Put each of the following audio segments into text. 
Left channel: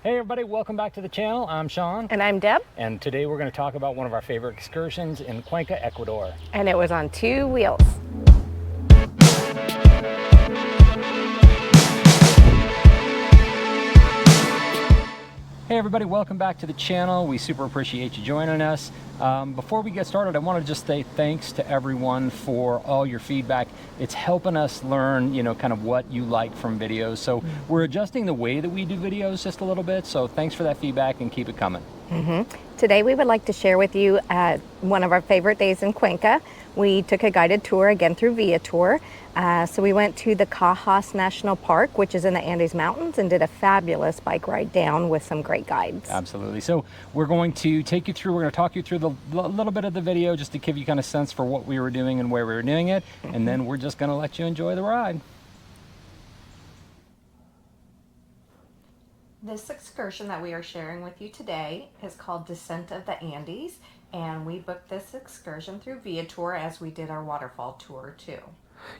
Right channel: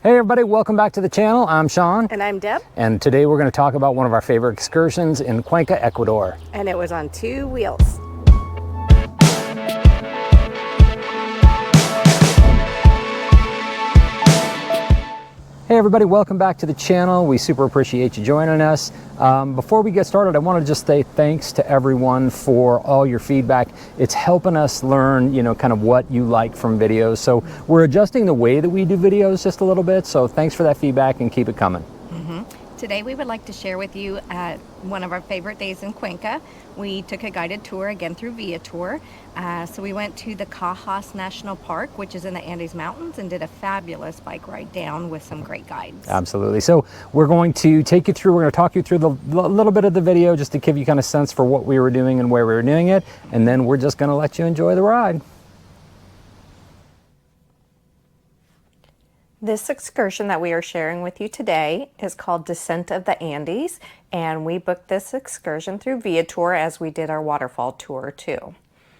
Hey everybody, welcome back to the channel. I'm Sean. And I'm Deb. And today we're going to talk about one of our favorite excursions in Cuenca, Ecuador. And it was on 2 wheels. Hey everybody, welcome back to the channel. We super appreciate you joining us. Before we get started, I want to just say thanks to everyone for all your feedback. It's helping us learn, kind of what you like from videos. So we're adjusting the way that we do videos just a little bit. So thanks for that feedback and keep it coming. Today we would like to share with you one of our favorite days in Cuenca. We took a guided tour again through Viatour. So we went to the Cajas National Park, which is in the Andes Mountains, and did a fabulous bike ride down with some great guides. Absolutely. So we're going to take you through, we're going to talk you through the little bit of the video just to give you kind of sense for what we were doing and where we were doing it. And then we're just going to let you enjoy the ride. This excursion that we are sharing with you today is called Descent of the Andes, and we booked this excursion through Viatour as we did our waterfall tour too.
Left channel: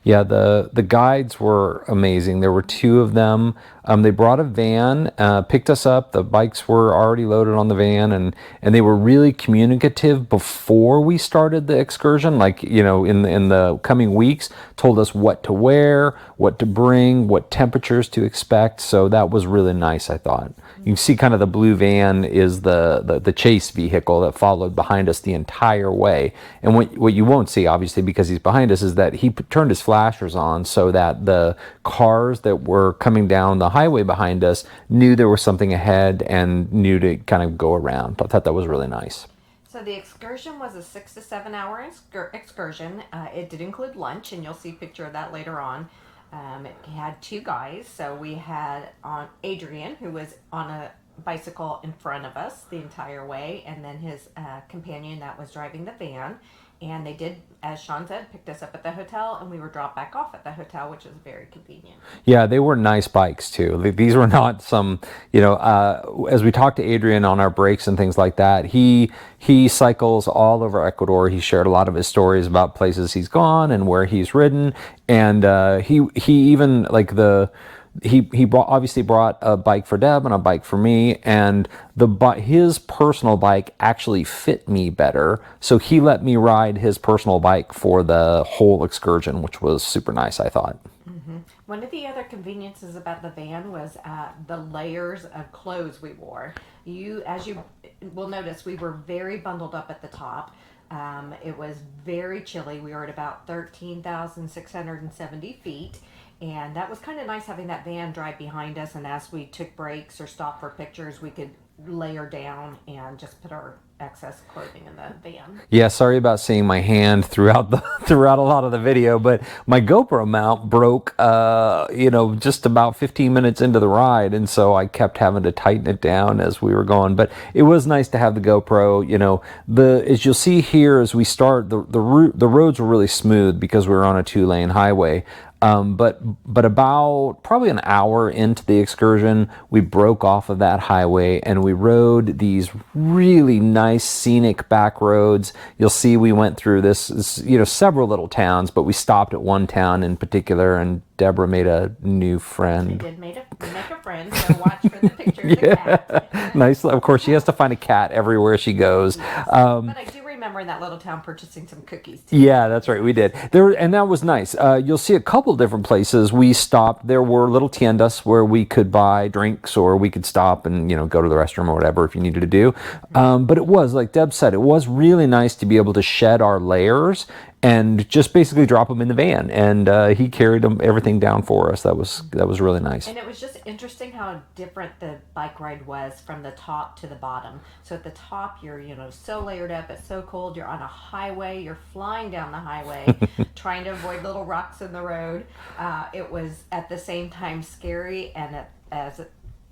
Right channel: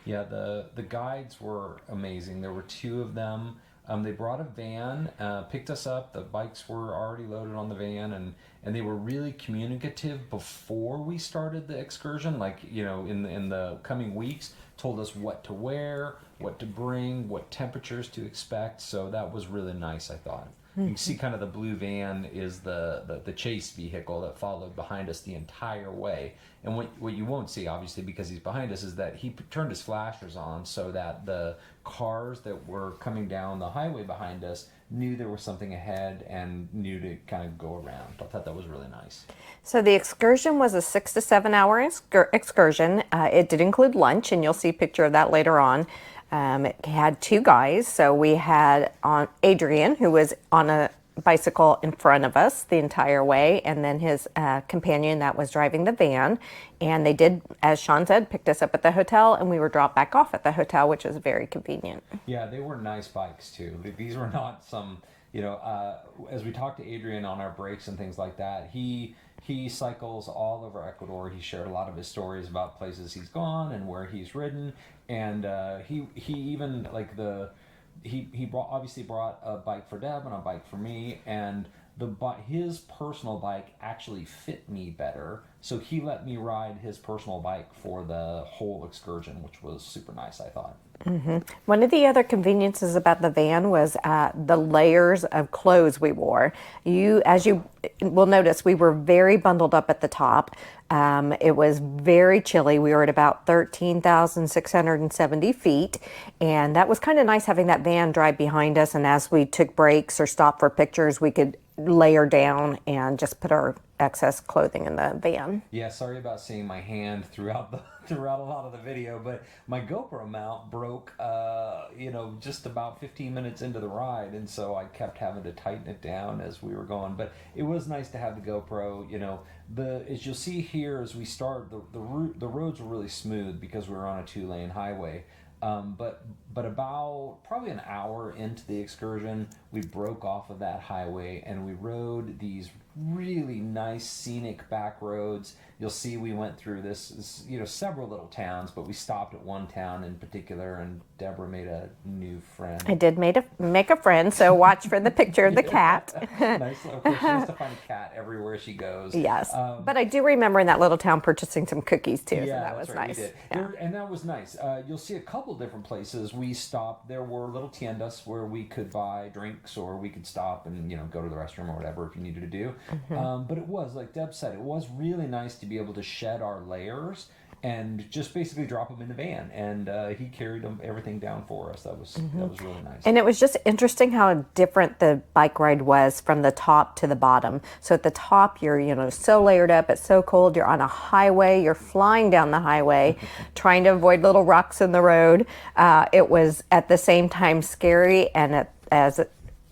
Yeah, the guides were amazing. There were two of them. They brought a van, picked us up. The bikes were already loaded on the van, and they were really communicative before we started the excursion. Like, in the coming weeks, told us what to wear, what to bring, what temperatures to expect. So that was really nice, I thought. You can see kind of the blue van is the chase vehicle that followed behind us the entire way. And what you won't see, obviously, because he's behind us, is that he turned his flashers on so that the cars that were coming down the highway behind us knew there was something ahead and knew to kind of go around. I thought that was really nice. So the excursion was a 6 to 7 hour excursion. It did include lunch, and you'll see a picture of that later on. It had two guys. So we had Adrian, who was on a bicycle in front of us the entire way, and then his companion that was driving the van. And they did, as Sean said, picked us up at the hotel, and we were dropped back off at the hotel, which was very convenient. Yeah, they were nice bikes too. These were not some, as we talked to Adrian on our breaks and things like that, he cycles all over Ecuador. He shared a lot of his stories about places he's gone and where he's ridden, and he even obviously brought a bike for Deb and a bike for me, and his personal bike actually fit me better, so he let me ride his personal bike for the whole excursion, which was super nice, I thought. One of the other conveniences about the van was the layers of clothes we wore. As you will notice, we were very bundled up at the top. It was very chilly. We were at about 13,670 feet, and that was kind of nice having that van drive behind us, and as we took breaks or stopped for pictures, we could layer down and just put our excess clothing in the van. Yeah, sorry about seeing my hand throughout a lot of the video, but my GoPro mount broke just about 15 minutes into the ride, and so I kept having to tighten it down as we were going. But it was nice to have the GoPro. As you'll see here as we start, the roads were really smooth because we were on a 2-lane highway. But about probably an hour into the excursion, we broke off of that highway and we rode these really nice scenic back roads. You'll see we went through this, several little towns, but we stopped at one town in particular, and Deborah made a new friend. I did make a friend, so watch for the picture of the cat. Nice. Of course, she has to find a cat everywhere she goes. Yes. But I do remember in that little town purchasing some cookies too. Yeah, that's right. Nice. We did. And that was nice. You'll see a couple different places we stopped. There were little tiendas where we could buy drinks, or we could stop and go to the restroom or whatever if you needed to do. But it was, like Deb said, it was really nice to be able to shed our layers and just basically drop them in the van, and he carried everything down for us. That was really nice. And it was just interesting how different the bike ride was from the top to the bottom. So at the top, you're so layered up, it's so cold, you're on a highway, you're flying down the highway, trying to avoid little rocks in the road. It was at the same time scary and as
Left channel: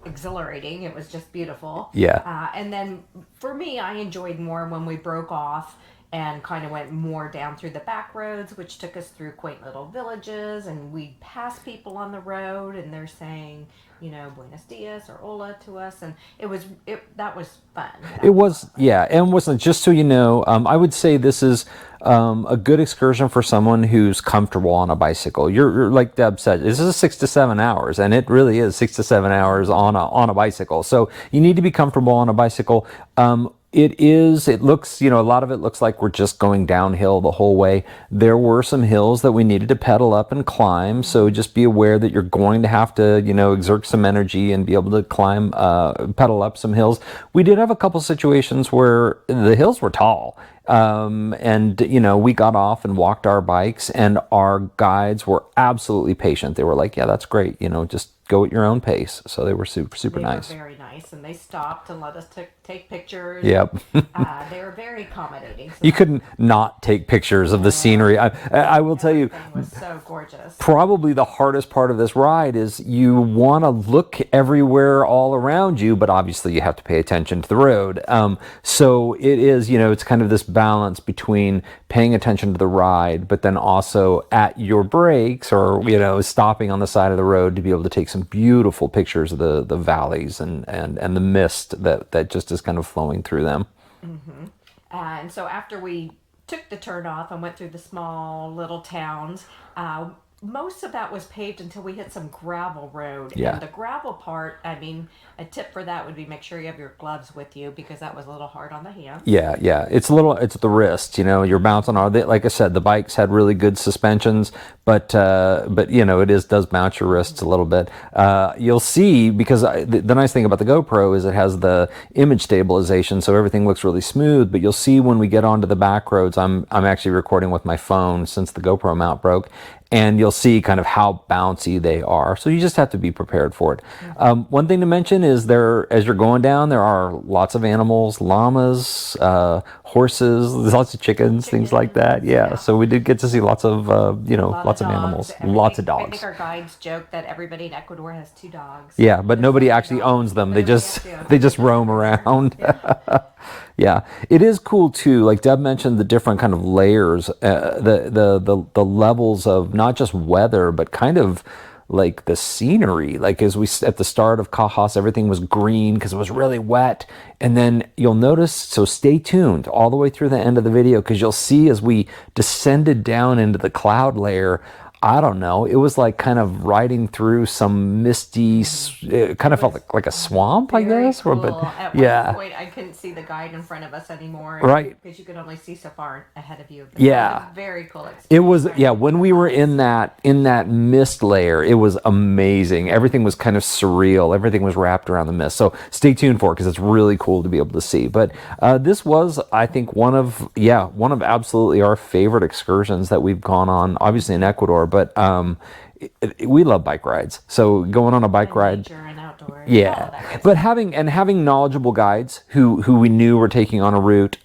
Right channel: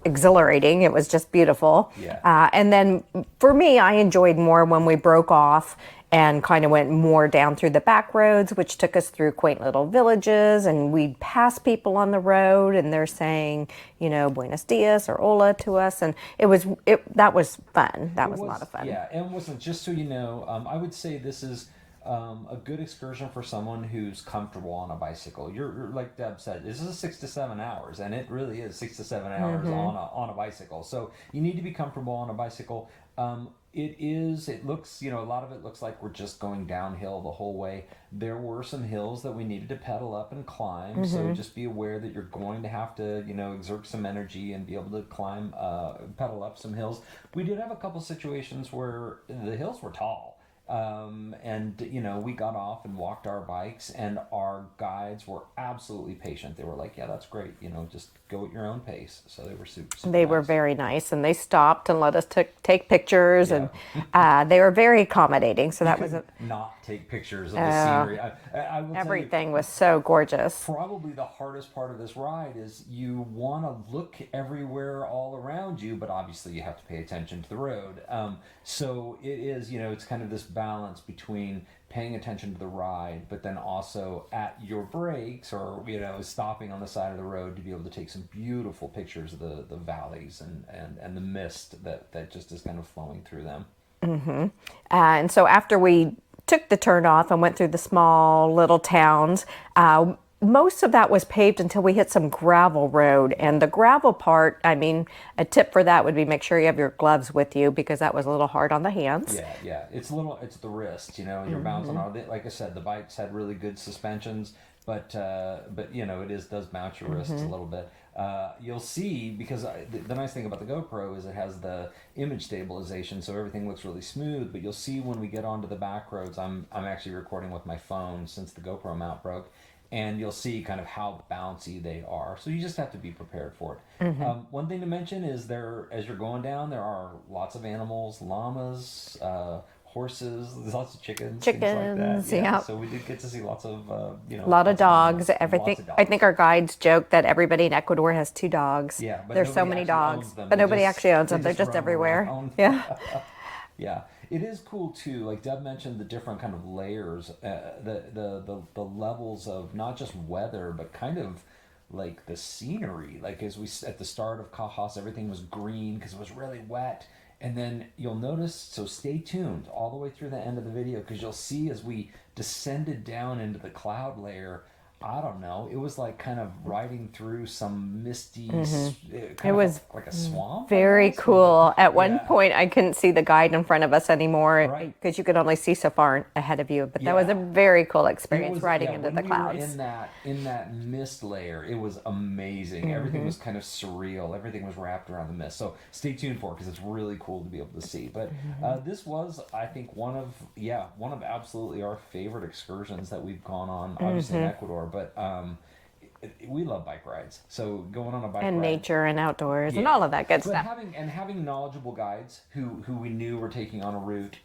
exhilarating. It was just beautiful. Yeah. And then for me, I enjoyed more when we broke off and kind of went more down through the back roads, which took us through quaint little villages, and we'd pass people on the road and they're saying, Buenos dias or hola to us, and that was fun. That was a lot of fun. Yeah, and wasn't, just so you know, I would say this is a good excursion for someone who's comfortable on a bicycle. You're like Deb said, this is 6 to 7 hours, and it really is 6 to 7 hours on a bicycle. So you need to be comfortable on a bicycle. It looks, a lot of it looks like we're just going downhill the whole way. There were some hills that we needed to pedal up and climb. So just be aware that you're going to have to, exert some energy and be able to climb, pedal up some hills. We did have a couple situations where the hills were tall. And we got off and walked our bikes, and our guides were absolutely patient. They were like, yeah, that's great. Just go at your own pace. So they were super nice. They were very nice, and they stopped and let us take pictures. Yep. And, they were very accommodating. So you couldn't not take pictures of the scenery. I will tell you, everything was so gorgeous. Probably the hardest part of this ride is you want to look everywhere all around you, but obviously you have to pay attention to the road. So it is, it's kind of this balance between paying attention to the ride, but then also at your brakes or, stopping on the side of the road to be able to take some beautiful pictures of the valleys and the mist that just is kind of flowing through them. And so after we took the turn off and went through the small little towns, most of that was paved until we hit some gravel road. Yeah. And the gravel part, a tip for that would be make sure you have your gloves with you, because that was a little hard on the hands. Yeah. It's the wrist, you're bouncing on, like I said, the bikes had really good suspensions, but it does bounce your wrists a little bit. You'll see, because the nice thing about the GoPro is it has the image stabilization, so everything looks really smooth, but you'll see when we get onto the back roads, I'm actually recording with my phone since the GoPro mount broke, and you'll see kind of how bouncy they are. So you just have to be prepared for it. One thing to mention is as you're going down, there are lots of animals, llamas, horses, there's lots of chickens, things like that. Yeah. So we did get to see lots of, lots of dogs. Lots of dogs. I think our guides joked that everybody in Ecuador has 2 dogs. Yeah, but There's nobody so many actually dogs. owns them. But They nobody just actually owns they them. just They're roam everywhere. around. Yeah. Yeah, it is cool too. Like Deb mentioned, the different kind of layers, the levels of not just weather, but kind of like the scenery. Like as we at the start of Cajas, everything was green because it was really wet, and then you'll notice. So stay tuned all the way through the end of the video, because you'll see as we descended down into the cloud layer. I don't know. It was like kind of riding through some misty, it kind of felt like a swamp. Very I guess. cool. At one point, I couldn't see the guide in front of us anymore, right? Because you could only see so far ahead of you. But yeah, that was a very cool experience. It was. Yeah, when we were in that mist layer, it was amazing. Everything was kind of surreal. Everything was wrapped around the mist. So stay tuned for it, because it's really cool to be able to see. But this was, I think, one of absolutely our favorite excursions that we've gone on. Obviously in Ecuador. But we love bike rides, so going on a bike ride, nature and outdoors, yeah, and all of that good but stuff. having knowledgeable guides who we knew were taking on a route.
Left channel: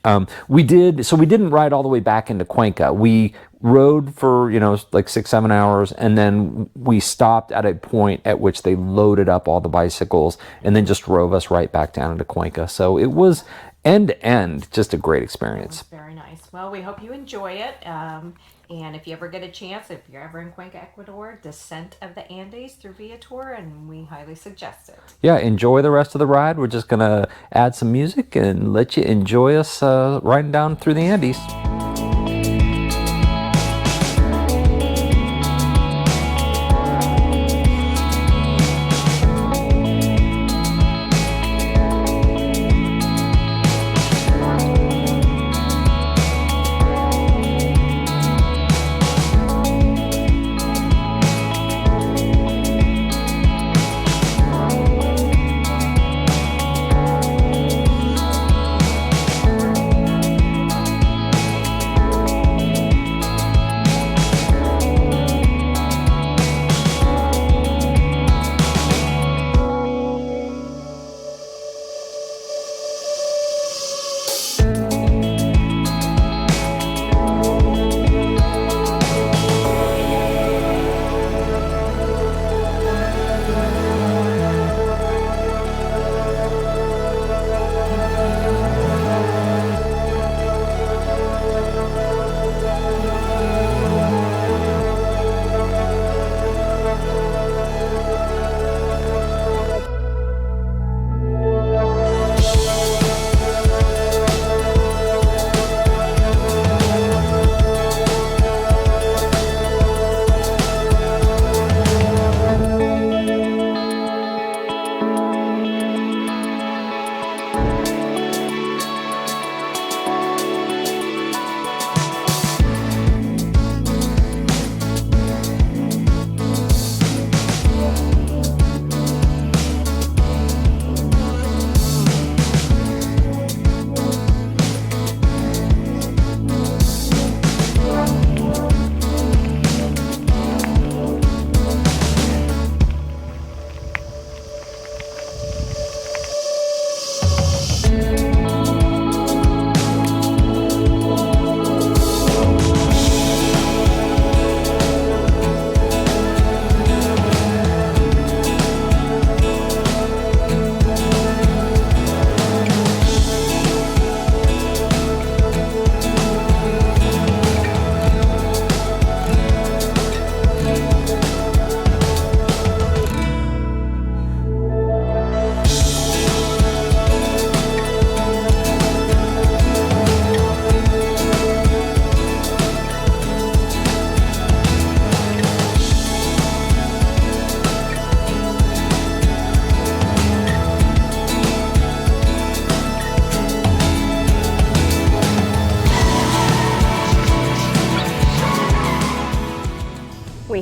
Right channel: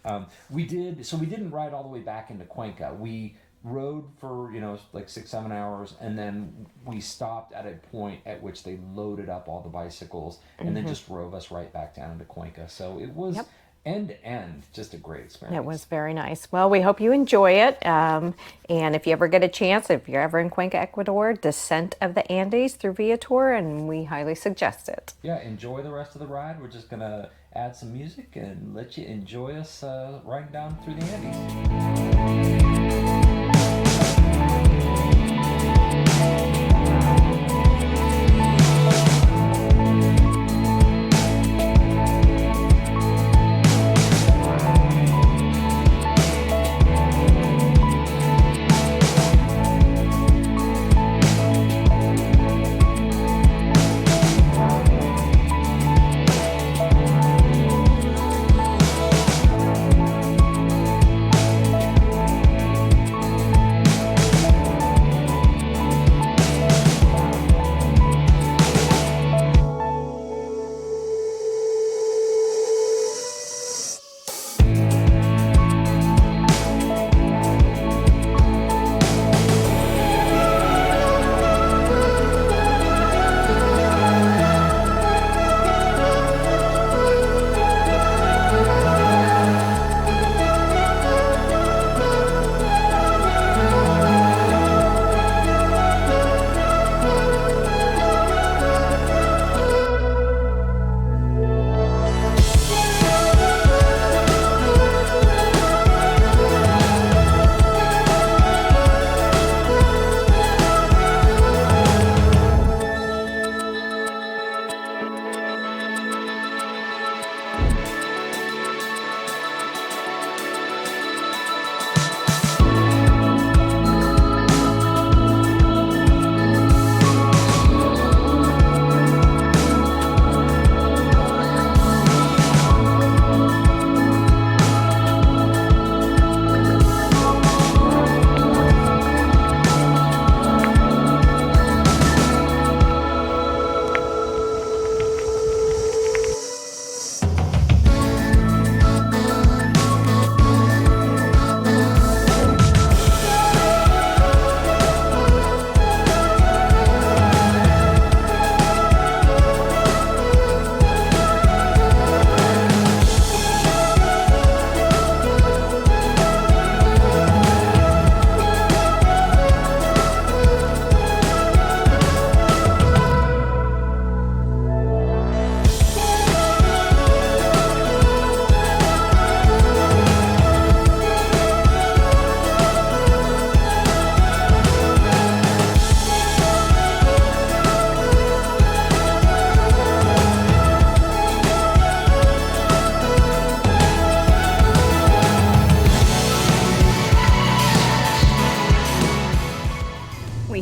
We didn't ride all the way back into Cuenca. We rode for like 6-7 hours, and then we stopped at a point at which they loaded up all the bicycles and then just drove us right back down into Cuenca. So it was end to end just a great experience. It was very nice. Well, we hope you enjoy it. And if you ever get a chance, if you're ever in Cuenca, Ecuador, descent of the Andes through Viatour, and we highly suggest it. Yeah, enjoy the rest of the ride. We're just going to add some music and let you enjoy us riding down through the Andes.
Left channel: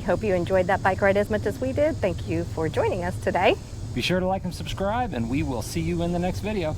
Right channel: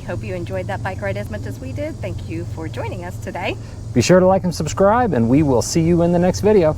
hope you enjoyed that bike ride as much as we did. Thank you for joining us today. Be sure to like and subscribe, and we will see you in the next video.